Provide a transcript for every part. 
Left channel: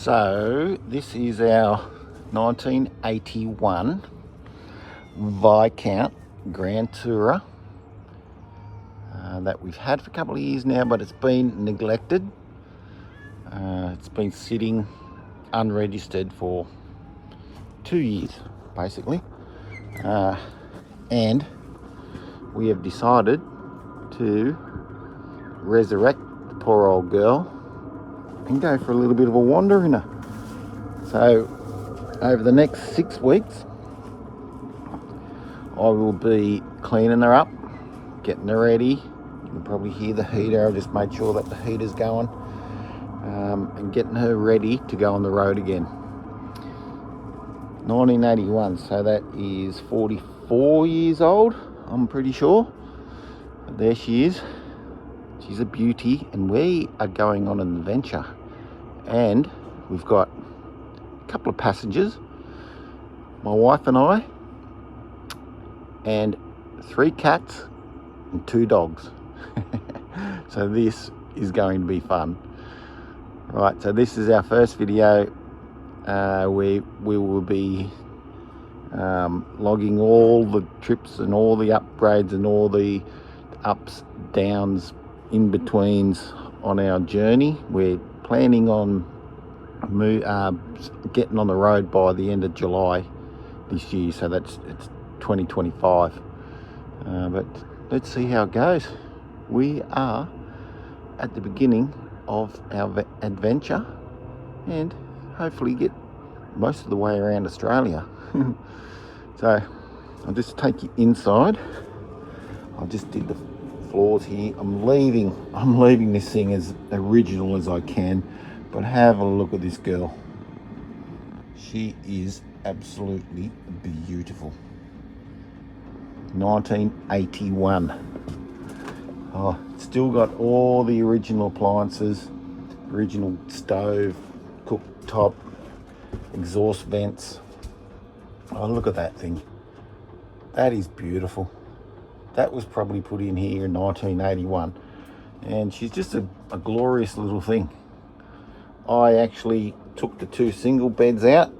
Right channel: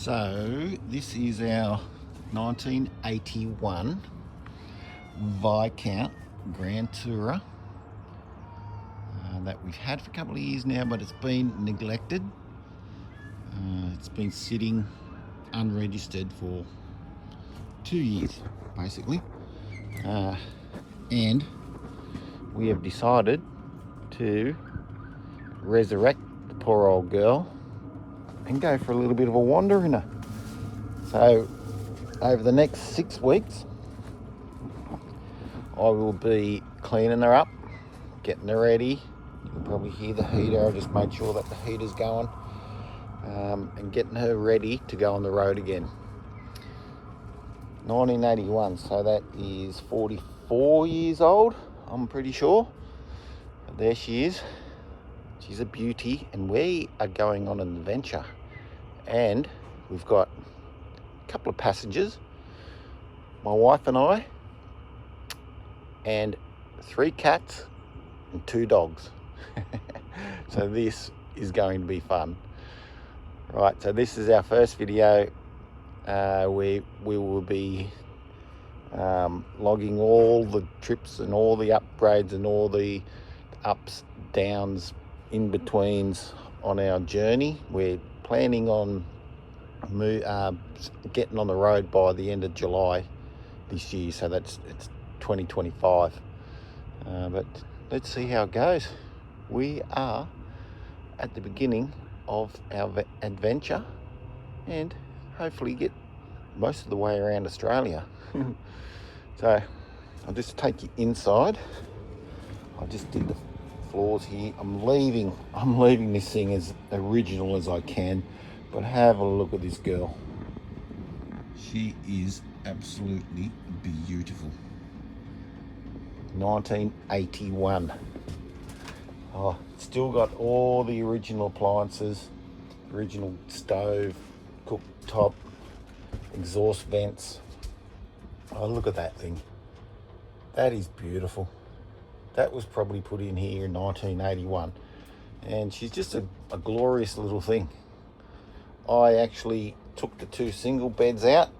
So this is our 1981 Viscount Grand Tourer that we've had for a couple of years now, but it's been neglected. It's been sitting unregistered for 2 years basically, and we have decided to resurrect the poor old girl and go for a little bit of a wander in her. So over the next 6 weeks I will be cleaning her up, getting her ready. You can probably hear the heater. I'll just make sure that the heater's going, and getting her ready to go on the road again. 1981, so that is 44 years old, I'm pretty sure. But there she is. She's a beauty, and we are going on an adventure. And we've got a couple of passengers, my wife and I, and 3 cats and 2 dogs. So this is going to be fun. Right, so this is our first video. We will be logging all the trips and all the upgrades and all the ups, downs, in betweens on our journey. We're planning on getting on the road by the end of July this year, so it's 2025. But let's see how it goes. We are at the beginning of our adventure and hopefully get most of the way around Australia. So I'll just take you inside. I'll just dig the floors here. I'm leaving this thing as original as I can, but have a look at this girl. She is absolutely beautiful. 1981. Oh, it's still got all the original appliances, original stove, cooktop, exhaust vents. Oh, look at that thing. That is beautiful. That was probably put in here in 1981, and she's just a glorious little thing. I actually took the 2 single beds out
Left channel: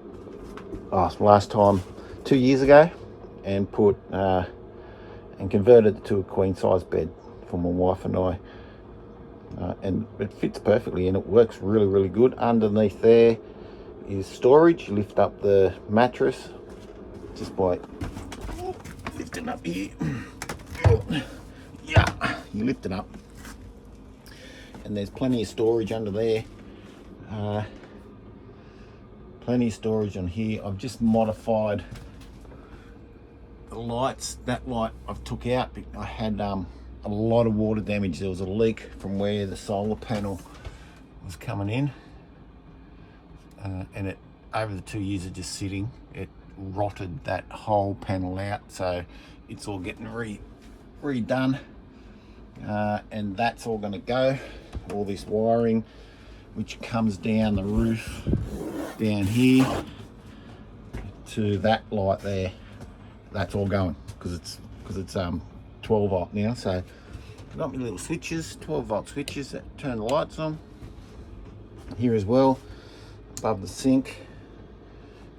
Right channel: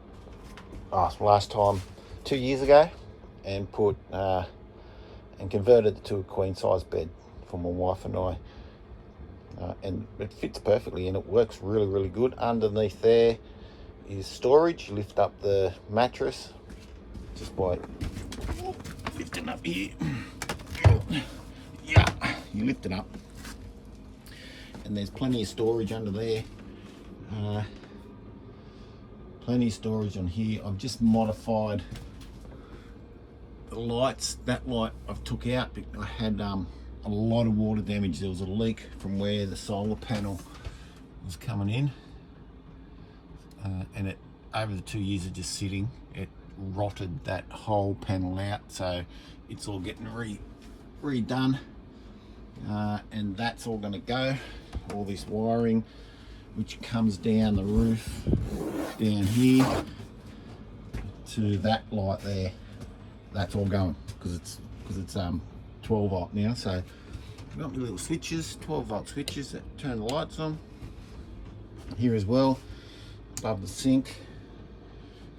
last time 2 years ago, and put and converted it to a queen size bed for my wife and I, and it fits perfectly and it works really good. Underneath there is storage. You lift up the mattress just by lifting up here. Yeah, you lift it up, and there's plenty of storage under there. Plenty of storage on here. I've just modified the lights. That light I've took out because I had a lot of water damage. There was a leak from where the solar panel was coming in, and it, over the 2 years of just sitting, it rotted that whole panel out. So it's all getting redone, and that's all going to go. All this wiring which comes down the roof down here to that light there, that's all going because it's 12 volt now. So I've got my little switches, 12 volt switches that turn the lights on here as well above the sink,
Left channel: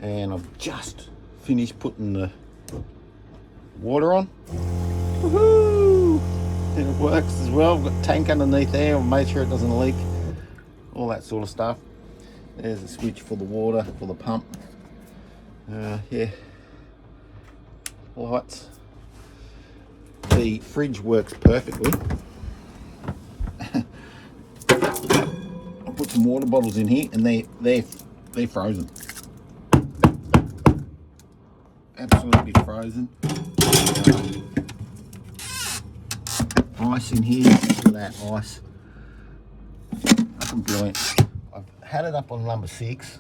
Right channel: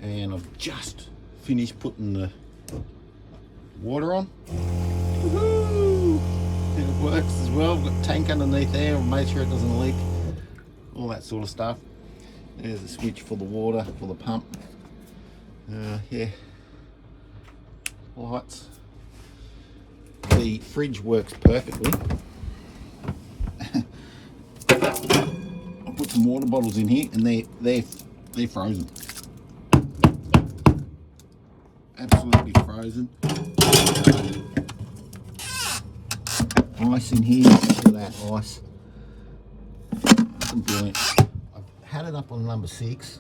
and I've just finished putting the water on. Woohoo! And it works as well. I've got a tank underneath there. I've made sure it doesn't leak, all that sort of stuff. There's a switch for the water, for the pump. Yeah, lights. The fridge works perfectly. I put some water bottles in here, and they're frozen. Absolutely frozen. Ice in here. Look at that ice. Brilliant. I've had it up on number 6,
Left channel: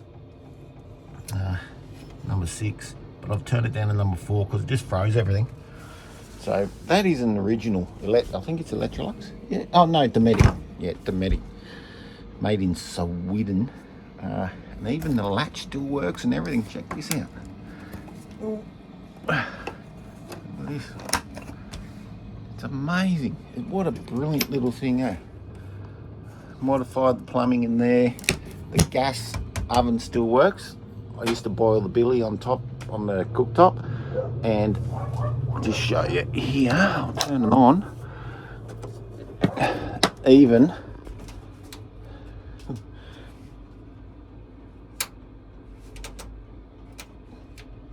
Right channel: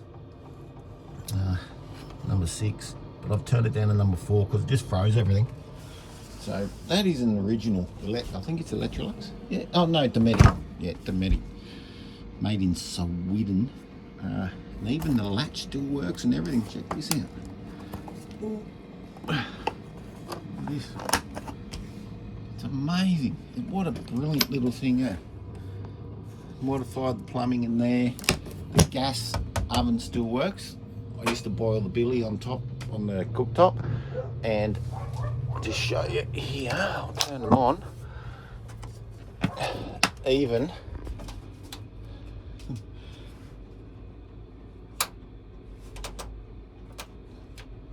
but I've turned it down to number 4 because it just froze everything. So that is an original. I think it's Electrolux. Yeah. Oh no, Dometic. Yeah, Dometic. Made in Sweden. And even the latch still works and everything. Check this out. It's amazing. What a brilliant little thing, eh? Modified the plumbing in there. The gas oven still works. I used to boil the billy on top, on the cooktop, and just show you here, I'll turn it on. Even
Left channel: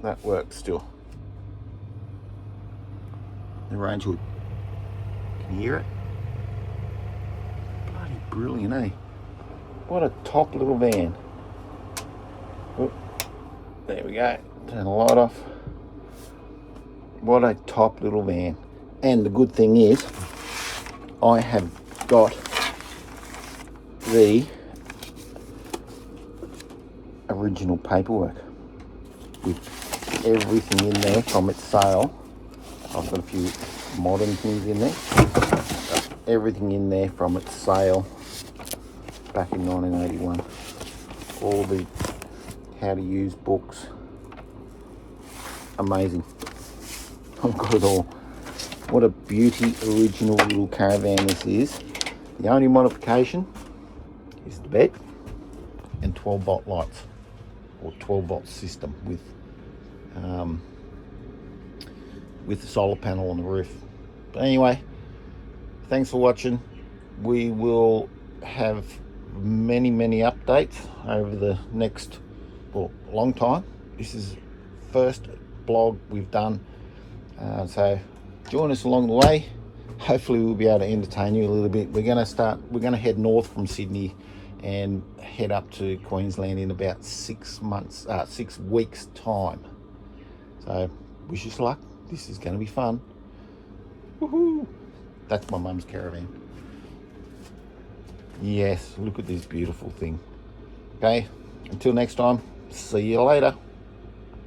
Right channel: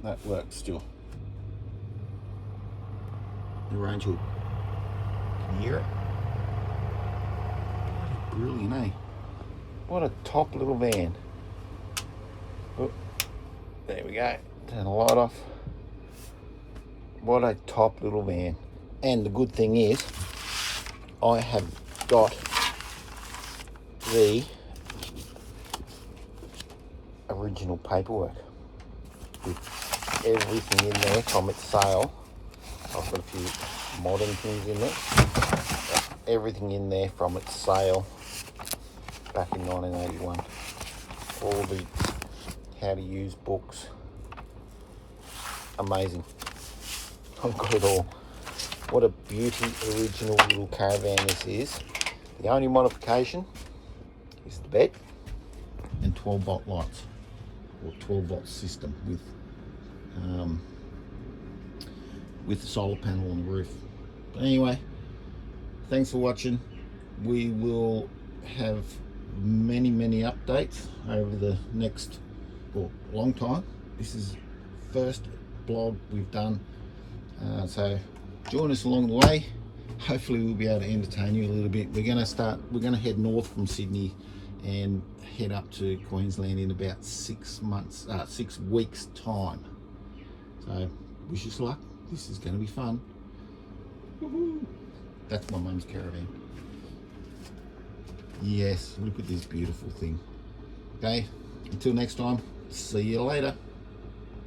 that works still. The range hood. Can you hear it? Bloody brilliant, eh? What a top little van. Oh, there we go. Turn the light off. What a top little van. And the good thing is, I have got the original paperwork with everything in there from its sale. I've got a few modern things in there. Everything in there from its sale back in 1981. All the how to use books. Amazing. I've got it all. What a beauty original little Caravan this is. The only modification is the bed and 12-volt lights, or 12-volt system with the solar panel on the roof. But anyway, thanks for watching. We will have many updates over the next, well, long time. This is the first blog we've done, so join us along the way. Hopefully we'll be able to entertain you a little bit. We're going to head north from Sydney and head up to Queensland in about 6 weeks time. So wish us luck. This is going to be fun. Woohoo! That's my mum's Caravan. Yes, look at this beautiful thing. Okay, until next time, see you later.